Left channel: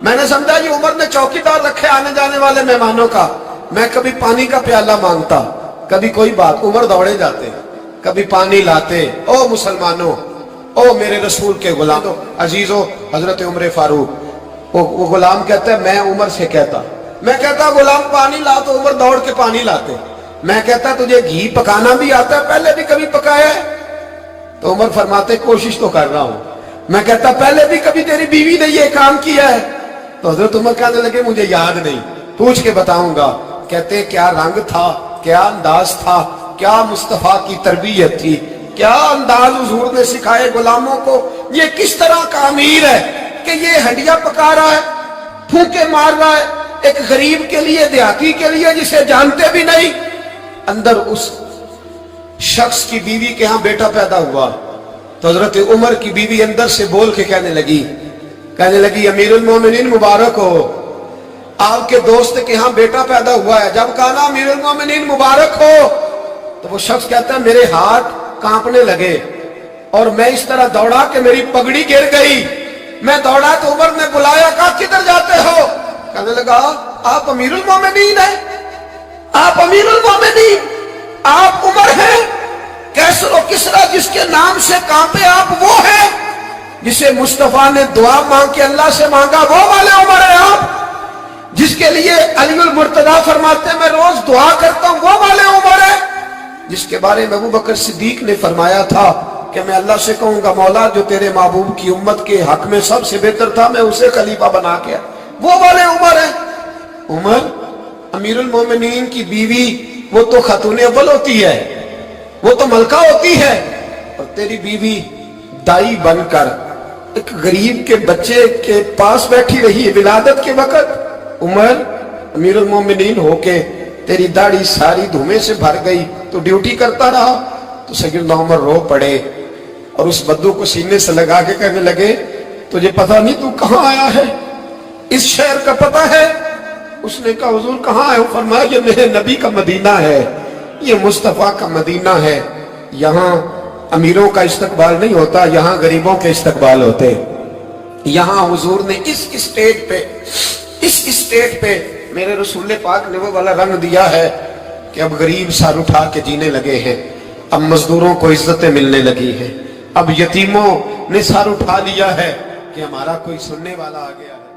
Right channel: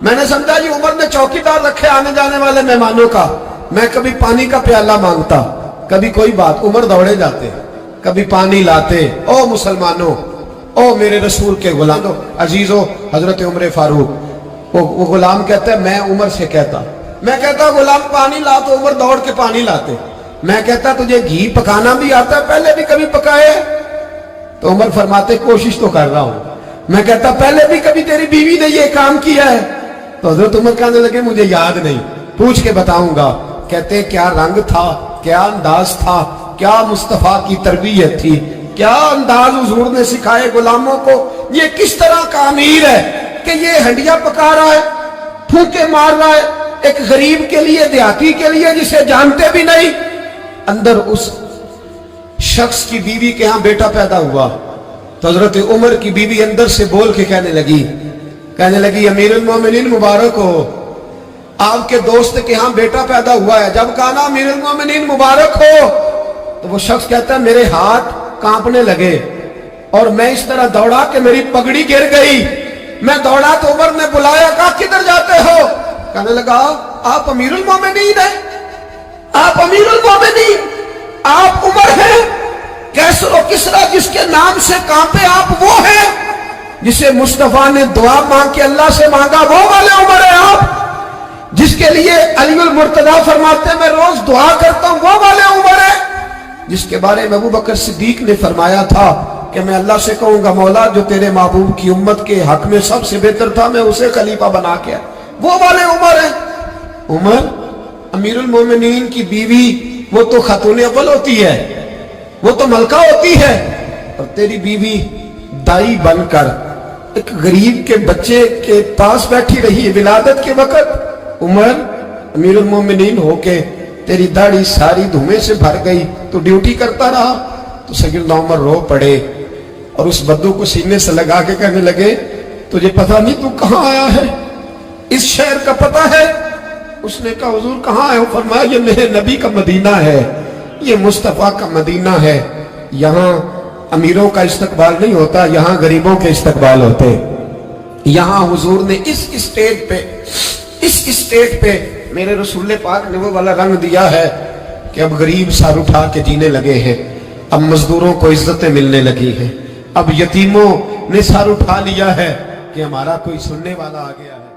میں نے سمجھا یہ عمر نے چوکیدار رکھے آنے جانے والے مہمانوں کا. میں کبھی پانی کا پیالہ مانگتا, کبھی کوئی بات, عمر دوڑے جاتے, کبھی پانی لاتے. او مسلمانوں, او میرے رسول کے غلاموں, عزیزو, حضرت عمر فاروق, وہ غلام کہتا ہے میں عمر سے کہتا, میں کہتا غلام پانی لا, تو عمر دوڑ کے پانی لاتے. میں کہتا تجھے گھی پکانا بھی آتا ہے, پہلے بھی کبھی پکائے؟ تو عمر فرماتے کوشش تو کر رہا ہوں. میں کہتا پہلے بھی کبھی تیری بیوی نے یہ کام کیا ہے؟ تو حضرت عمر کہنے لگے مجھے یاد نہیں, پوچھ کے بتاؤں گا. کہتے کیا رنگ تھا, کیا انداز تھا, کیا مصطفیٰ کی تربیت تھی, کیا انداز حضور نے سکھائے غلاموں کو. یہ کس طرح کا امیر ہے کہ یہ ہنڈیا پکا رہا ہے, پھونکے مار رہا ہے ایک غریب کے لیے, دیہاتی کے لیے جسے جانتے بھی نہیں. اندر اس شخص کی بیوی کے ہاں بیٹا پیدا ہوا تو حضرت عمر کی بیوی اندر سے بول کے کہنے لگی امیر المومنین مبارک ہو, آپ کے دوست کے ہاں بیٹا پیدا ہوا ہے. جب کہا نا امیر المومنین مبارک ہو, تو وہ شخص کہتا ہے میرے ہاتھ کانپنے لگے اور میں اس طرح دوڑا کہ میری پگڑی گر گئی. میں دوڑا تو عمر نے بلایا, کہا کدھر جاتے ہو؟ کہنے لگا آپ امیر المومنین ہیں, آپ امیر المومنین, آپ عمر ہیں. کیسر و کسرا جس کے نام سے کانپے آپ وہ ہیں, جسے مصطفیٰ نے دعا مانگ کے اللہ سے مانگا وہ والے عمر ہیں آپ, جس کے لیے علی المرتضیٰ فرماتے ہیں میں روز دعا کرتا ہوں وہ والے عمر ہیں, جس کے بارے میں ابو بکر صدیق نے فرمایا تھا کہ میں اللہ سے کہوں گا مولا جو تیرے محبوب کی امت کے حق میں سب سے بہتر تھا میں اسے خلیفہ بنا کے, وہ والے عمر ہیں. عمر امیر المومنین کی بیوی وہ تو خاتون اول ہوتی ہے, وہ تو ملکہ ہوتی ہے, اور تیری بیوی دائی بن کر ایک غریب کے بچے کے پاس بیٹھی رہی ہے ولادت کے وقت. عمر امیر المومنین ہو کے تیری داڑھی ساری دھومے سے بھر گئی تو ڈیوٹی کرتا رہا. تو سیدنا عمر رو پڑے اور اس بدو کو سینے سے لگا کے کہنے لگے تجھے پتہ نہیں تو کہاں آیا ہے, اس شہر کا پتہ ہے؟ اس نے کہا حضور کہاں ہے؟ فرمایا یہ میرے نبی کا مدینہ ہے, یہ مصطفیٰ کا مدینہ ہے, یہاں امیروں کا استقبال نہیں ہوتا, یہاں غریبوں کے استقبال ہوتے. یہاں حضور نے اس اسٹیٹ پہ میرے رسول پاک نے وہ والا رنگ دیا ہے کہ اب غریب سر اٹھا کے جینے لگے ہیں, اب مزدوروں کو عزتیں ملنے لگی ہیں, اب یتیموں نے سر اٹھا لیا ہے کہ ہمارا کوئی سننے والا آ گیا ہے.